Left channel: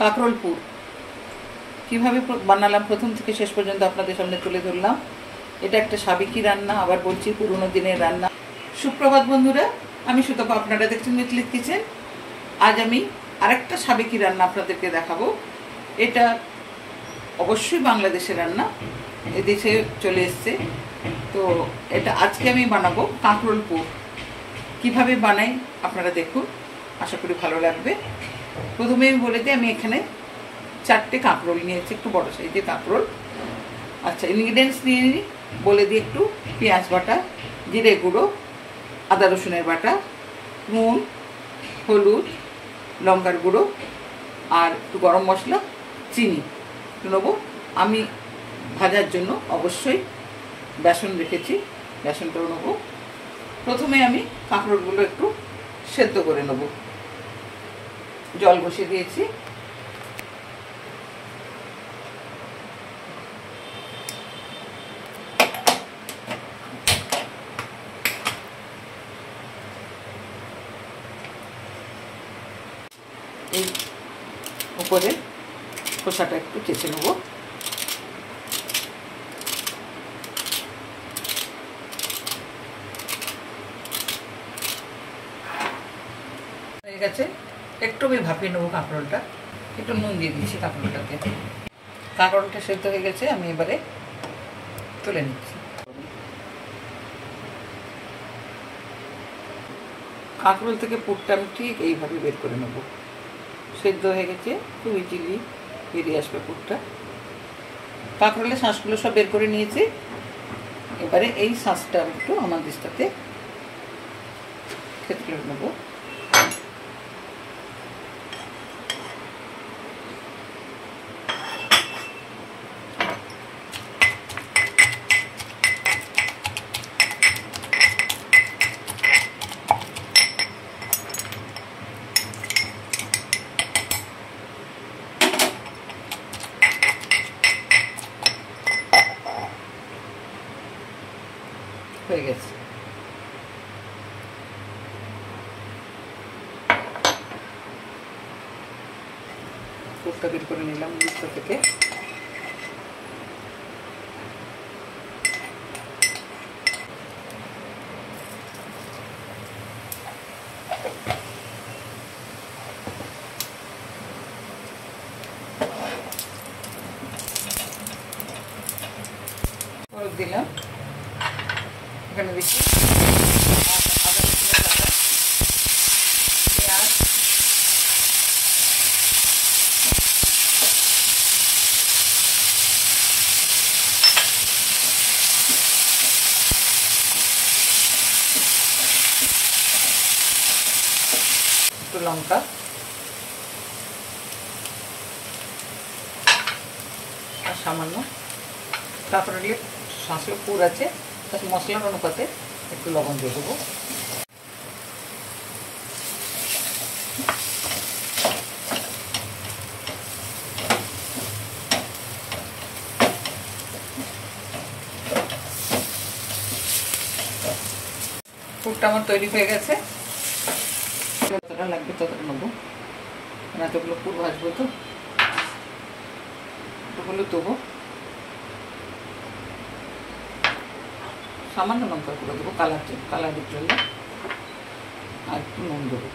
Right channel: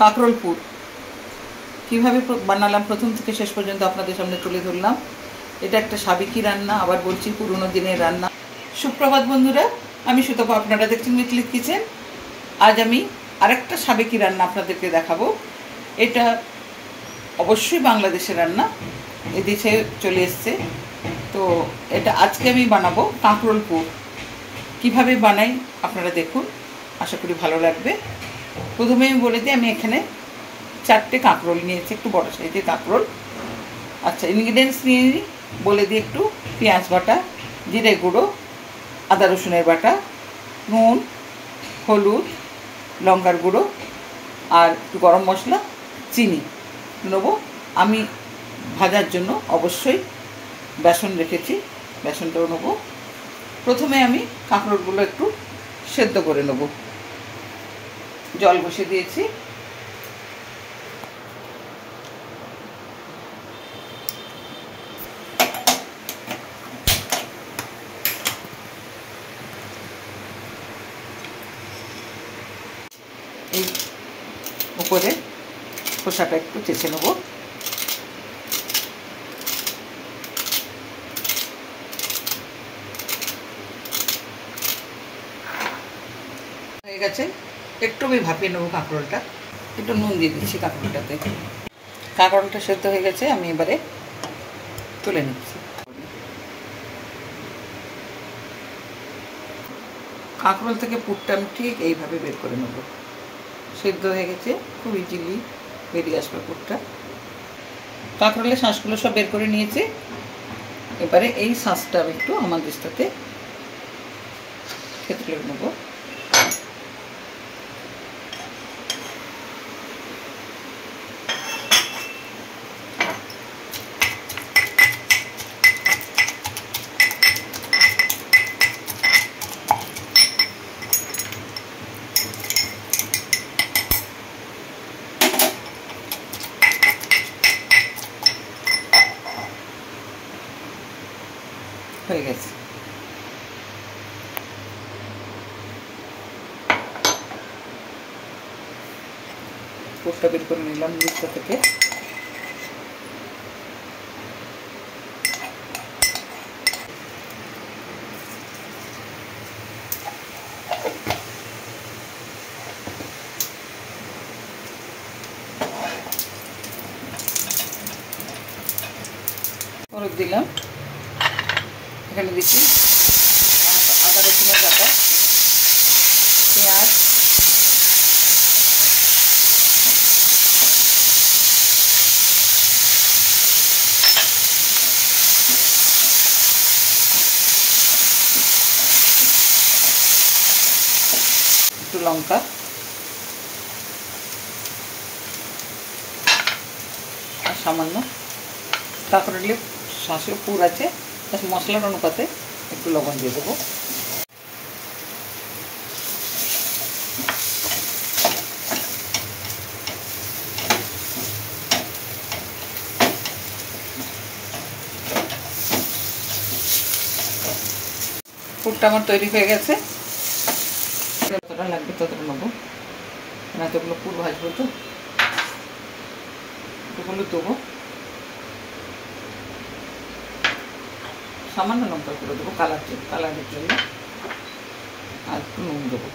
কাঁকরোলপুর কীভাবে বানালাম প্রথম থেকে শেষ পর্যন্ত আপনাদের সামনে তুলে ধরলাম। এটা একটা সাবেকি রান্না, আবার বলছি পুরনো দিনের রান্না। সুপ্রভাত বন্ধুরা, আমি সুতপা, আপনারা দেখছেন মিতলিত কিচেন। আজ আমি আরেকটা সাবেকি রান্না আপনাদেরকে দেখাবো। এটা অবশ্যই বাংলাদেশের রান্না, এদেশে চলে এসছে। তো এটা আজকে আমি বানাবো কাঁকরোলপুর। কীভাবে বানাই আপনারা দেখুন, আশা করি ভালো লাগবে। প্রথমে আমি বলে দিই, আমি এখানে 4টে কাঁকরোল নিয়েছি, একটু বড় সাইজের কাঁকরোল। আচ্ছা, ইনগ্রিডিয়েন্টস নিয়ে বলে দিই একটু। পেঁয়াজ বাটা, জিরে গুঁড়ো, আদা রসুনের বাটা, নুন, হলুদ, লঙ্কার গুঁড়ো, আর একটু গরম মশলা, চিনি নেবো। আমি ভাজার জন্য অবশ্যই বেসন রেখেছি, বেসনটাও নেবো। প্রথমে আমি কাঁকরোলগুলো একটু সেদ্ধ করে নেব। জল বসিয়ে দিয়েছি। এই উপরে খোসাটা একটু চেঁচে নেব। হয়ে গেছে, একটু আমি ভাপিয়ে নেবো কাঁকরোলটা। একটু নুন দিয়ে দিচ্ছি কাঁকরোলটাতে। কাঁকরোলটা সেদ্ধ হয়ে গেছে, আমি এবারে তুলে নিচ্ছি। কাঁকরোল থেকে পুরটা আমি ঠিক এইভাবে বের করে নেব। সেদ্ধ হয়ে গেছে, খুব ইজিলি বেরিয়ে আসবে পুরটা। কাঁকরোলের শাঁসগুলো সব বের করে নিয়েছি। এবারে এই শাঁসটা একটু আমার দিস্তাতে ক্ষেত্রে নেব। হয়ে গেছে। পুরটা বের করে নিলাম দিস্তা থেকে। হলুদ দিলাম, এখানে দিচ্ছি আদা রসুনের বাটা, পেঁয়াজ, একটু লঙ্কা, আর সামান্য কাঁকরোলের শাঁসের পুর আছে, মশলার অনুপাতে একটু লবণ দিয়ে দেবো। পুরটা আমার তৈরি হয়ে গেছে। যতটা লাগবে ততটা নেবো, এতগুলো পুর ভাজবো তো। একটু হলুদ দেবো, সামান্য লঙ্কা করে দেবো কালারের জন্য, আর একটু নুন দেবো।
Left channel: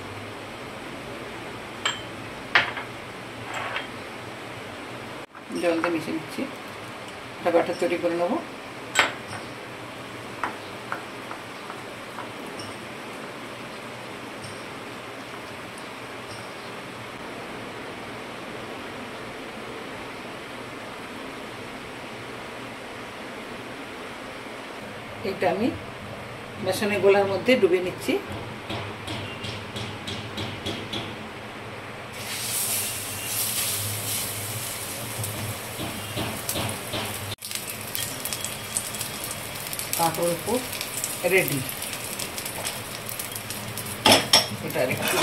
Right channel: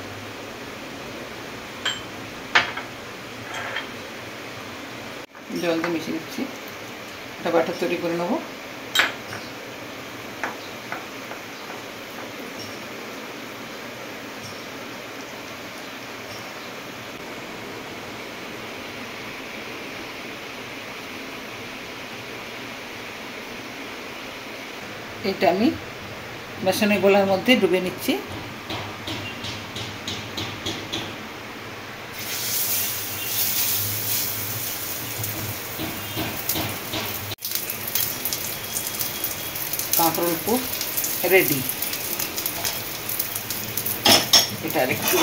জল দিয়ে মিশিয়ে দিচ্ছি। একটা ব্যাটার তৈরি করে নেবো। এটা আমি বেসনের গোলার মধ্যে ডুবে নিচ্ছি। কাঁকরোলপুর রেডি। এটা আরেকটু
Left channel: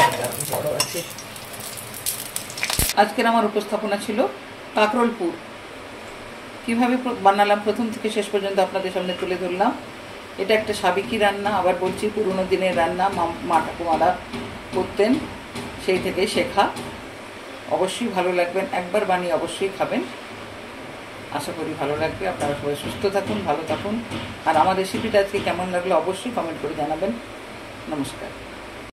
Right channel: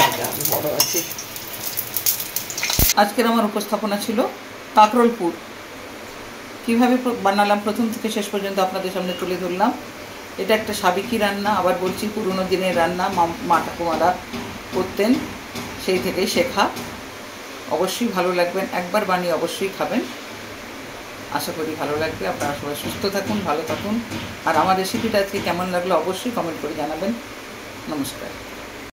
বড় আছে। আজকের আমার উপস্থাপনা ছিল কাঁকরোলপুর। কীভাবে বানালাম প্রথম থেকে শেষ পর্যন্ত আপনাদের সামনে তুলে ধরলাম। এটা একটা সাবেকি রান্না, আবার বলছি পুরনো দিনের রান্না, মা ঠাকুমারা করতেন, সেই থেকেই শেখা। অবশ্যই ভালো লাগবেন, একবার বানিয়ে অবশ্যই খাবেন। আশা করি ভালো লাগবে। আপনারা সবাই সুস্থ থাকুন, ভালো থাকুন। আর আমার রেসিপিটা আজকে কেমন লাগলো অবশ্যই কমেন্ট করে জানাবেন। নমস্কার।